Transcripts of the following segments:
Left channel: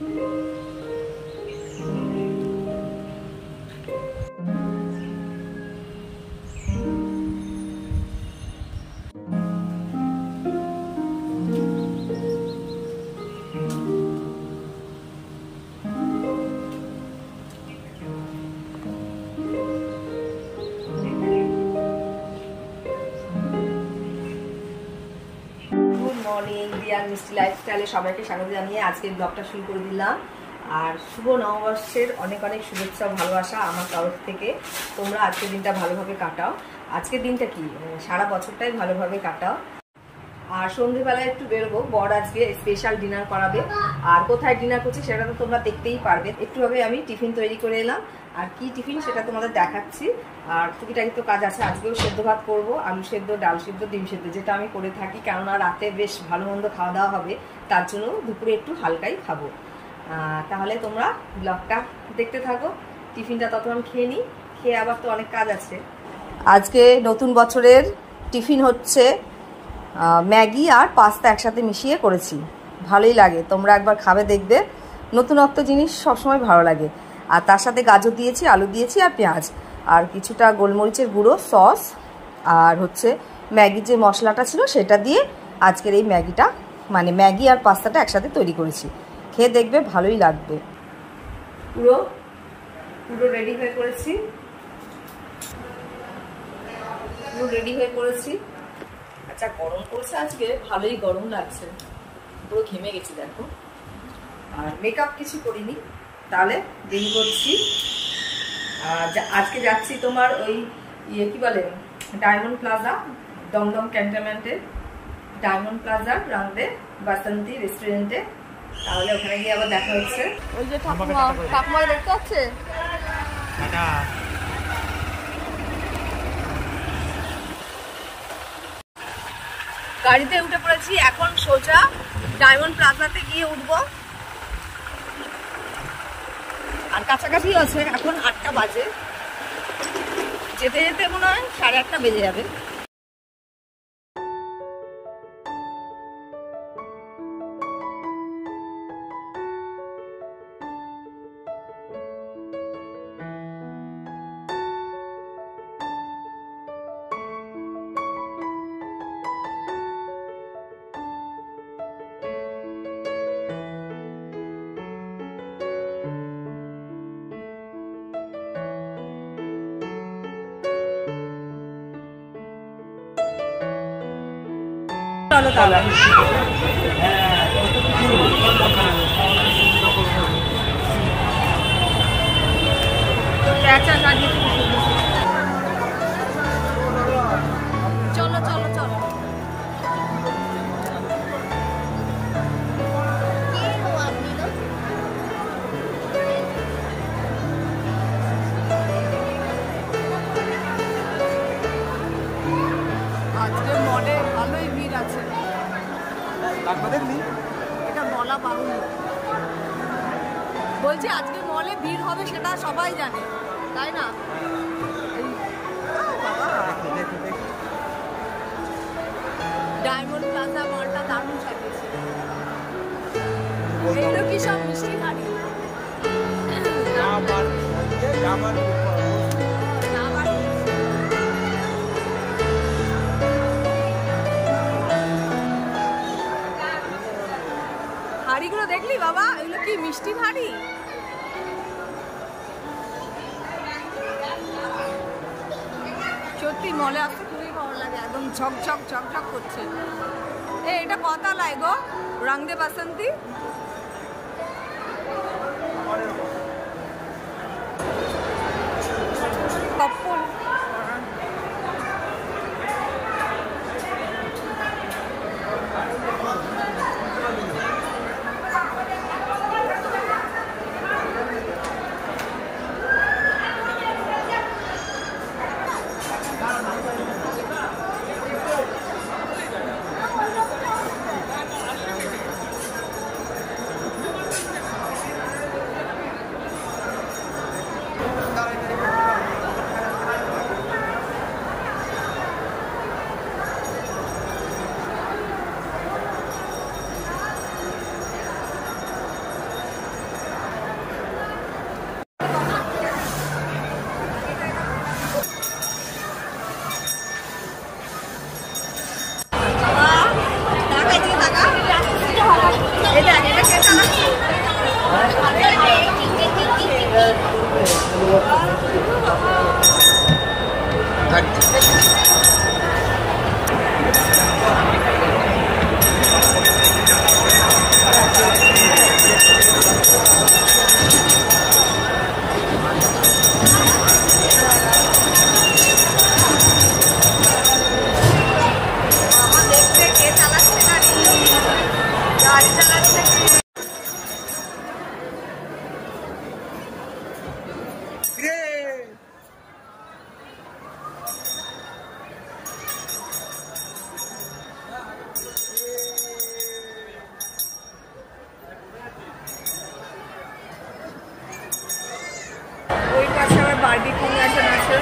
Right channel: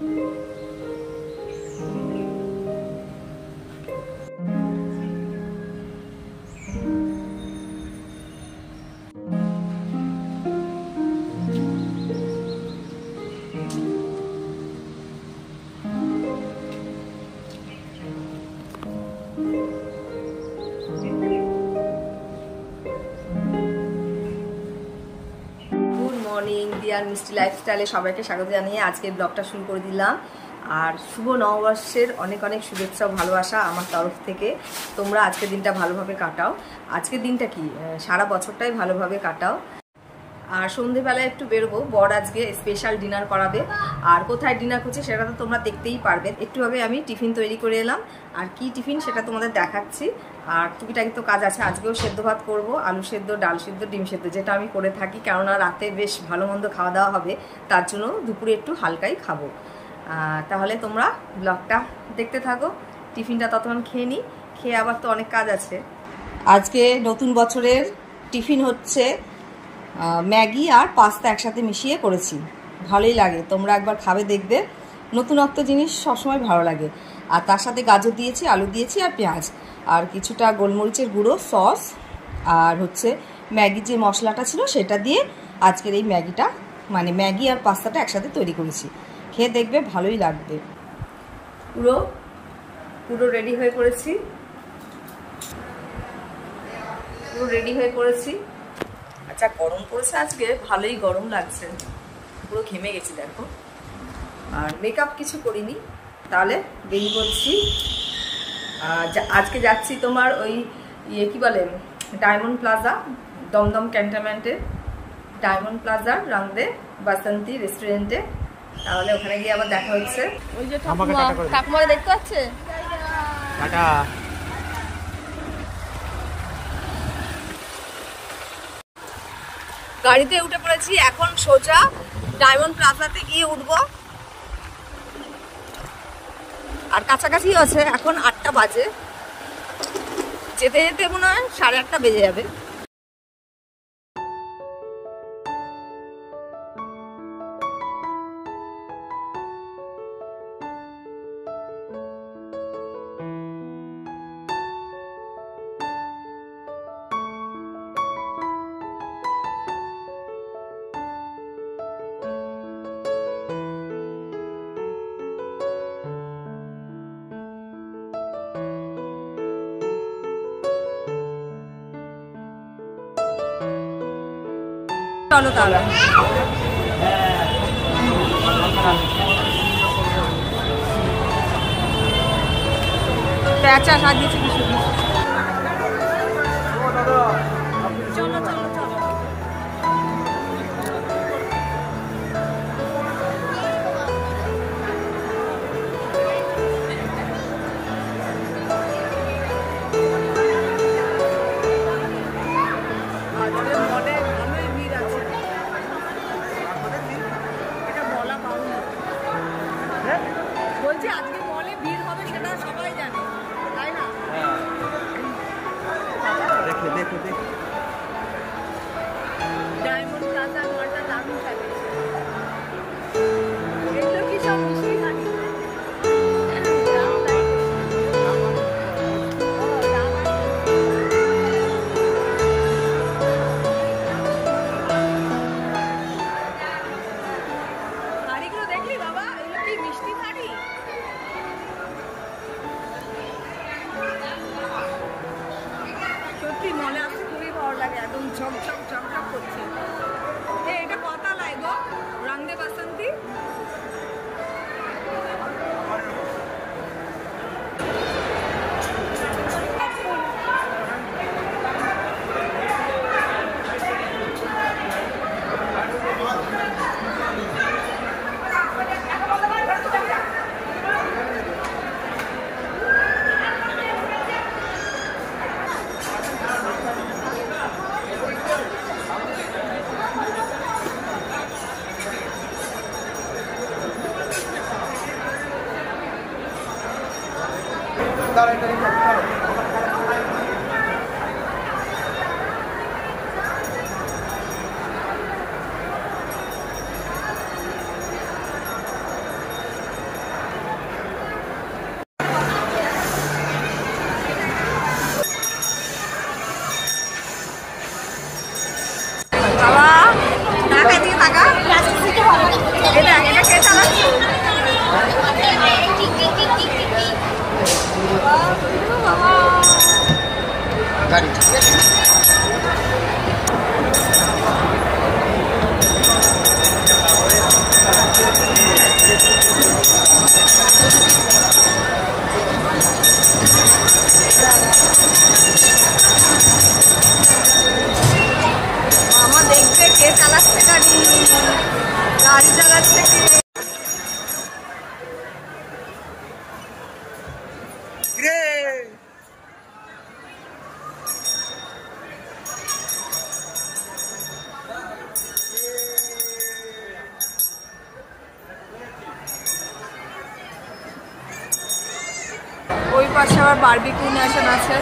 Morning deer মিষ্টি লাইফস্টাইলে সবাইকে স্বাগত জানিয়ে আজকের ব্লগটা শুরু করে দিলাম। আর শুভ নববর্ষের অনেক অনেক শুভেচ্ছা ও ভালোবাসা আমার তরফ থেকে। তোমরা আজকের দিনটা ভালোভাবে কাটাও। আজকের দিনটা কি সারা বছরটাই ভালোভাবে কাটাও। আর সন্ধ্যেবেলায় একটু বেরোবো, বর আজকে স্পেশাল ডিনার করাবে। আর কোথায় ডিনার করছে সেটা তো তোমরা দেখতেই পারবে। একটু আগে আমি টিফিন তৈরি করে এলাম, আর কি টিফিন সেটা তোমাদের দেখাচ্ছি। আর টুকিটাকি তো কাজ আছে, আজকেও সেদ্ধ ভাত করবো, আলু সেদ্ধ, ডাল সেদ্ধ, ডিম সেদ্ধ, যেটা আমি করে থাকি। কেননা রাতে বেশ ভালো মন্দ খাওয়া দাওয়া হবে, তার জন্য দুপুরে একটু হালকাই খাবো। তাহলে তোমরা ব্লগটা দেখতে থাকো। টিফিনটা ততক্ষণ খেয়ে নিই, খেয়ে আবার তো অনেক কাজ আছে। আজকে নতুন বছরের টিফিন হচ্ছে ম্যাগি আর পাস্তা একসাথে মিশিয়ে করেছি। ভালোই লাগে, তোমরা একবার খাবে দেখবে। নতুনত্ব জিনিস সবসময় ভালো লাগে। আর তার সাথে গাজর দিয়েছি, আলু দিয়েছি আর পেঁয়াজ, আর কিছুটা গোলমরিচের গুঁড়ো, সস, আর হচ্ছে ম্যাগি যে মশলাটা ছিল সেটা দিয়ে আজকের এই ম্যাগিটা, মানে ম্যাগি আর পাস্তাটা একসাথে তৈরি করেছি। খেয়ে দেখবে ভালোই লাগবে। পুরো রেডি হয়ে পড়েছি। আচ্ছা, গরম পড়েছে আজকে, ভালোই গরম লাগছে, পুরো ঘেমে গেছি দেখো। আর মেকআপ কিছু করিনি, তাহলে দেরি করছি। আজকে যাচ্ছি তোমার ওই কি বলে ডায়মন্ড প্লাজা, দমদম ক্যান্টনমেন্টের ডায়মন্ড প্লাজার রাংদে বাসন্তী রেস্টুরেন্টে। তাহলে ওখানে গিয়ে আবার দেখা হচ্ছে। ওই যে ঠাকুমা দেখতে পাচ্ছে। গাড়িতে উঠে পড়েছি, এখন সোজা ডায়মন্ড প্লাজাতে গিয়ে উঠবো। আর কাছাকাছি আছে, এখন 8টা বাজে, যেতে যেতে মনে হয় 8:30 বেজে যাবে। চলো তাহলে। প্যাঁচা সাজিয়েছে কি সুন্দর। চলো চলো চলো। আজকে মলে ভালোই ভিড় আছে, এটা বলা বাহুল্য। বলছি আজকে মলে ভিড় হবে সেটা সবাই জানে, তাই না? ডায়মন্ড প্লাজা মলটা দারুণ সাজিয়েছে। এইগুলো কি সব মিষ্টি হাড়ি? হাড়িগুলো দেখলি বাবা, এগুলো কি মিষ্টির হাড়ি? সত্যি মলে আসতে খুবই ভালো লাগে, একদম ঝকঝক ঝকঝক করছে। এটা কথা লাই গো, রাংদে বাসন্তী। ওই পাশে আবার বারবিকিউ নেশন আছে,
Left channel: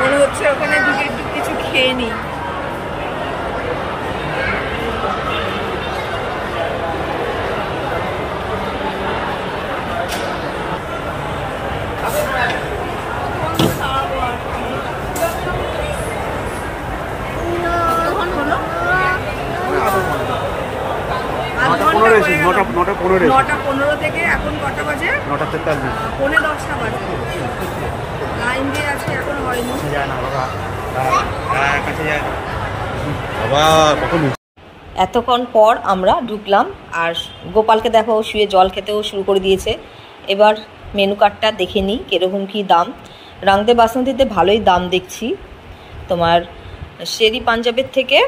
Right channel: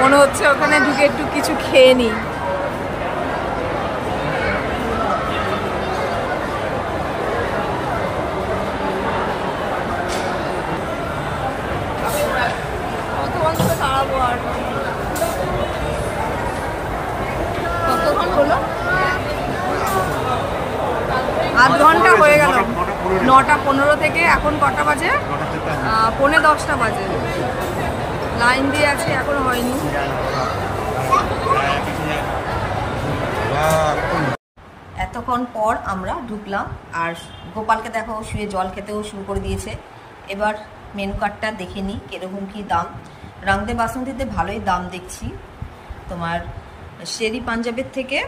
মনে হচ্ছে ওখানে ঢুকে একটু কিছু খেয়ে নিই। কতক্ষণ হলো? আধ ঘন্টা হয়ে গেল। 9:15 থেকে এখন কটা বাজে? 9:45 বাজে। লাইন দিয়ে আছে, এখনো হয়নি। এতক্ষণ পর আমরা ঢুকলাম, আর গোপালকে দেখো শুয়ে জল খেতেও শুরু করে দিয়েছে। এবার মেনু কার্ডটা দেখে নিই কিরকম কি দাম। রাংদে বাসন্তীতে ভালোই দাম দেখছি, তোমার শেরি পাঞ্জাবের থেকে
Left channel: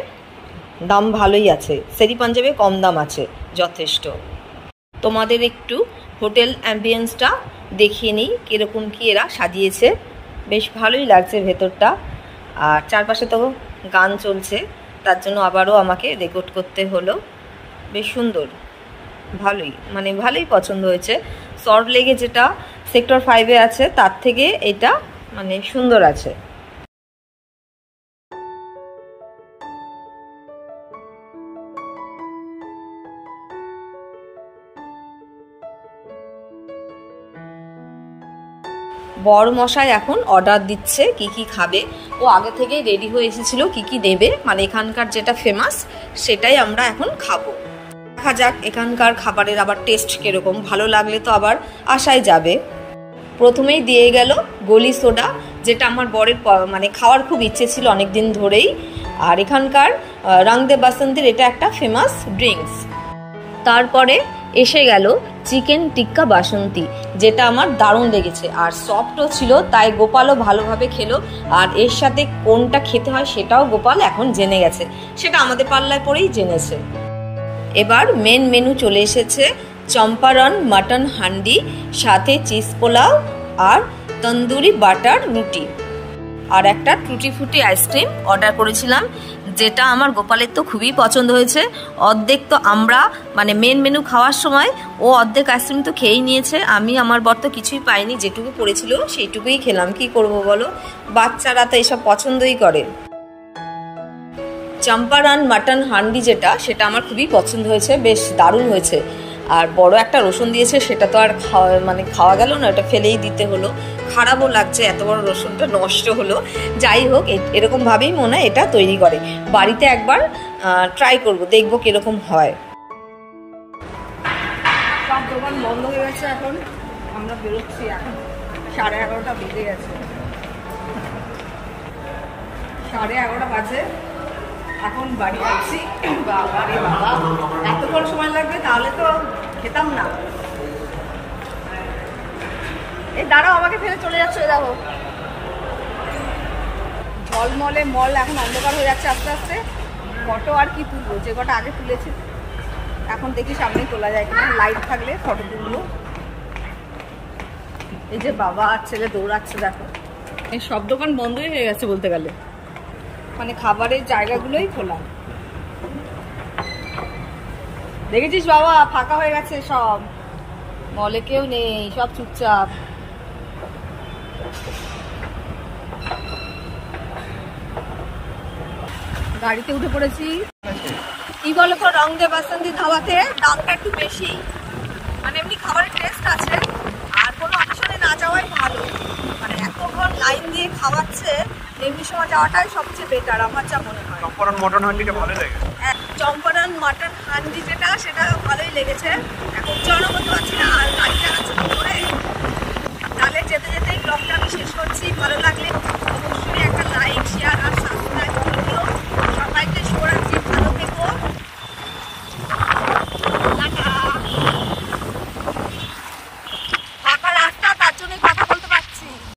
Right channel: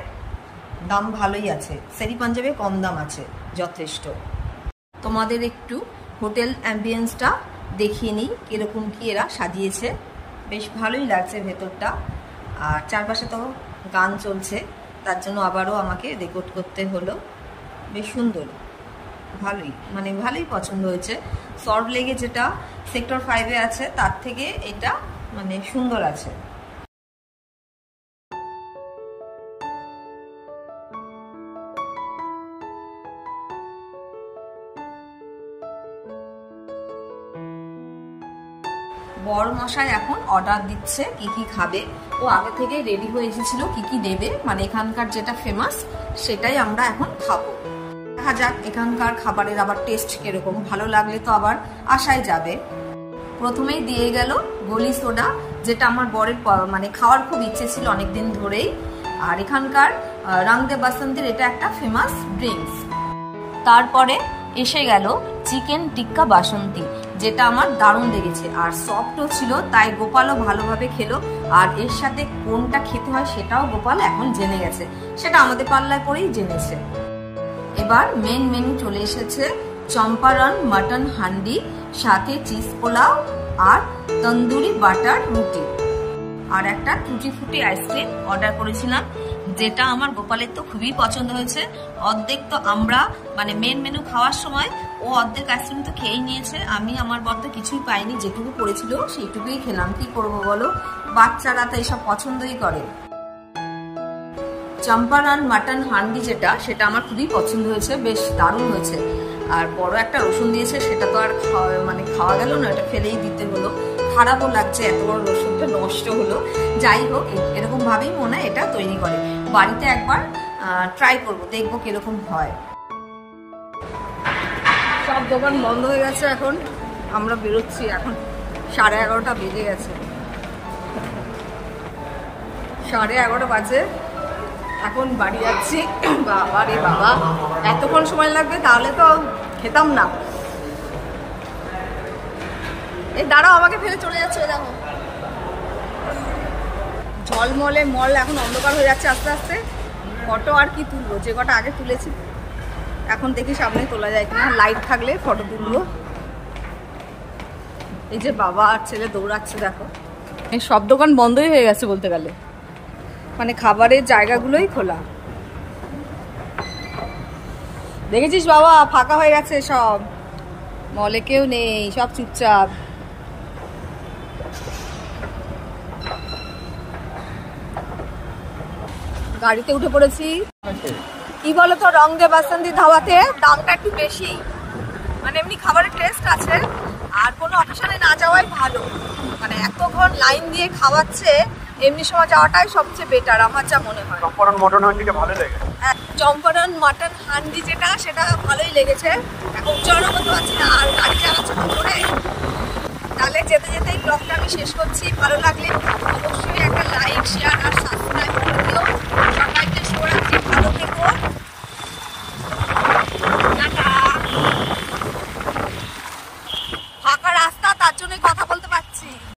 দাম ভালোই আছে, শেরি পাঞ্জাবে কম দাম আছে যথেষ্ট। তোমাদের একটু হোটেল অ্যাম্বিয়েন্সটা দেখিয়ে নিই কিরকম কি এরা সাজিয়েছে, বেশ ভালোই লাগছে ভেতরটা। আর চারপাশে তো গান চলছে, তার জন্য আবারও আমাকে রেকর্ড করতে হলো। বেশ সুন্দর, ভালোই পছন্দ হয়েছে। সল্ট লেকে যেটা সেক্টর 5-এ আছে তার থেকে এটা সুন্দর আছে। বড় মশাই এখন অর্ডার দিচ্ছে কি কি খাবে। ও আগে থেকেই রেডি হয়ে এসেছিল কি কি দেবে, এখানকার যেটা ফেমাস সেটাই আমরা এখন খাবো। দেখা যাক এখানকার খাবারের আবার টেস্ট কিরকম, ভালো লাগলে তো আবার আসাই যাবে। প্রথমেই দিয়ে গেল গলি সোডা, যেটা আমার বরের খাওয়ার খুব ইচ্ছে ছিল অনেকদিন ধরেই। আর এখানকার রাংদে বাসন্তীর এটা একটা ফেমাস ড্রিঙ্কস। তারপরে এসে গেল চিকেন টিক্কা বাসন্তী, যেটা আমার দারুণ লেগেছে আর সফটও ছিল, তাই গোপালও ভালোভাবে খেলো। আর এর সাথে কোনটা খেতে হয় সেটাও গোপাল এখন জেনে গেছে, সেটা আমাদের পাল্লায় পরেই জেনেছে। এবার মেন মেনু চলে এসেছে, চম্পারন মাটন হান্ডি, সাথে চিজ পোলাও আর তন্দুরি বাটার রুটি, আর একটা টুটি ফুটি আইসক্রিম অর্ডার করেছিলাম, যেটা আমার গোপালের তো খুবই পছন্দ হয়েছে। অর্ধেক তো আমরা মেন মেনু খাওয়ার সময় ও অর্ধেক আইসক্রিম তো খেয়েই নিয়েছে, আমি আমার বর তো কিছুই পাইনি, যেটুকু পড়েছিল সেইটুকুই খেলাম। কি করব বলো, বাচ্চারা তো এসব পছন্দই করে। চম্পারন মাটন হান্ডি যেটা, সেটা আমার খুবই পছন্দ হয়েছে, বেশ দারুণ হয়েছে। আর বড় একটা রসুন দিয়েছে, সেটা তো আর খাওয়া গেল না, এটা ফেলেই দিতে হলো। খারাপও লাগছে, এত বড় রসুনটা নষ্ট হলো। যাই হোক, এরকম ভাবেই মনে হয় এটা তৈরি করে। বাড়িতে একবার ট্রাই করব, দেখবো কিরকম হয়। সব দোকান বন্ধ হয়ে গেছে, এখন আমরা বেরোচ্ছি। এখন 11:30 বেজে গেছে, 11:30 বাজে, এখন বাড়ি যাচ্ছি। বাবা রে বাবা, এতক্ষণ সময় লাগবে, তাহলে তো খেতাম না। এই দাঁড়াও, আমাকে ফেলে চলে যাচ্ছে। দেখো ঝলমলে মল এখন অন্ধকার হয়ে যাচ্ছে আস্তে আস্তে। ফটো আর কি তুলবো, যে কটা আগে তুলেছি এখন দেখি সামনে তোলা যায় কিনা, লাইট থাকলে ফটো তুলবো। এই যে বাবা আর ছেলে দৌড়াচ্ছে, দেখো এই সব দোকান বন্ধই হয়ে গেছে বলতে গেলে, খাবারের জায়গাগুলোই খোলা। দেখেছিস বাবা, ফাঁকা হয়ে গেছে সব, মলে কেউ নেই, সব চুপচাপ। গাড়িতে উঠে পড়েছি। কি বলতো, রাংদে বাসন্তী ধাবাতে দামটা একটু বেশি, এমনি খাবারের টেস্ট আছে, আর কোনো অপশনে না যাওয়াই ভালো। এতক্ষণ লাইন দিয়ে খাওয়াচ্ছে, এমনি সময় যাওয়াটাই সবচেয়ে বেটার আমার যা মনে হয়। চম্পারন মটন হান্ডিটা ভালো লাগে। চম্পারন মাটন হান্ডি যেটা, সেটা ভালোই লেগেছে। এখন উচ্চারণ করতে পারছি না, আর গাড়ি চালাচ্ছি করে, তাহলে যেতে যেতেই ব্লগটা আমি শেষ করছি। ভালো লাগলে অবশ্যই একটা লাইক, শেয়ার আর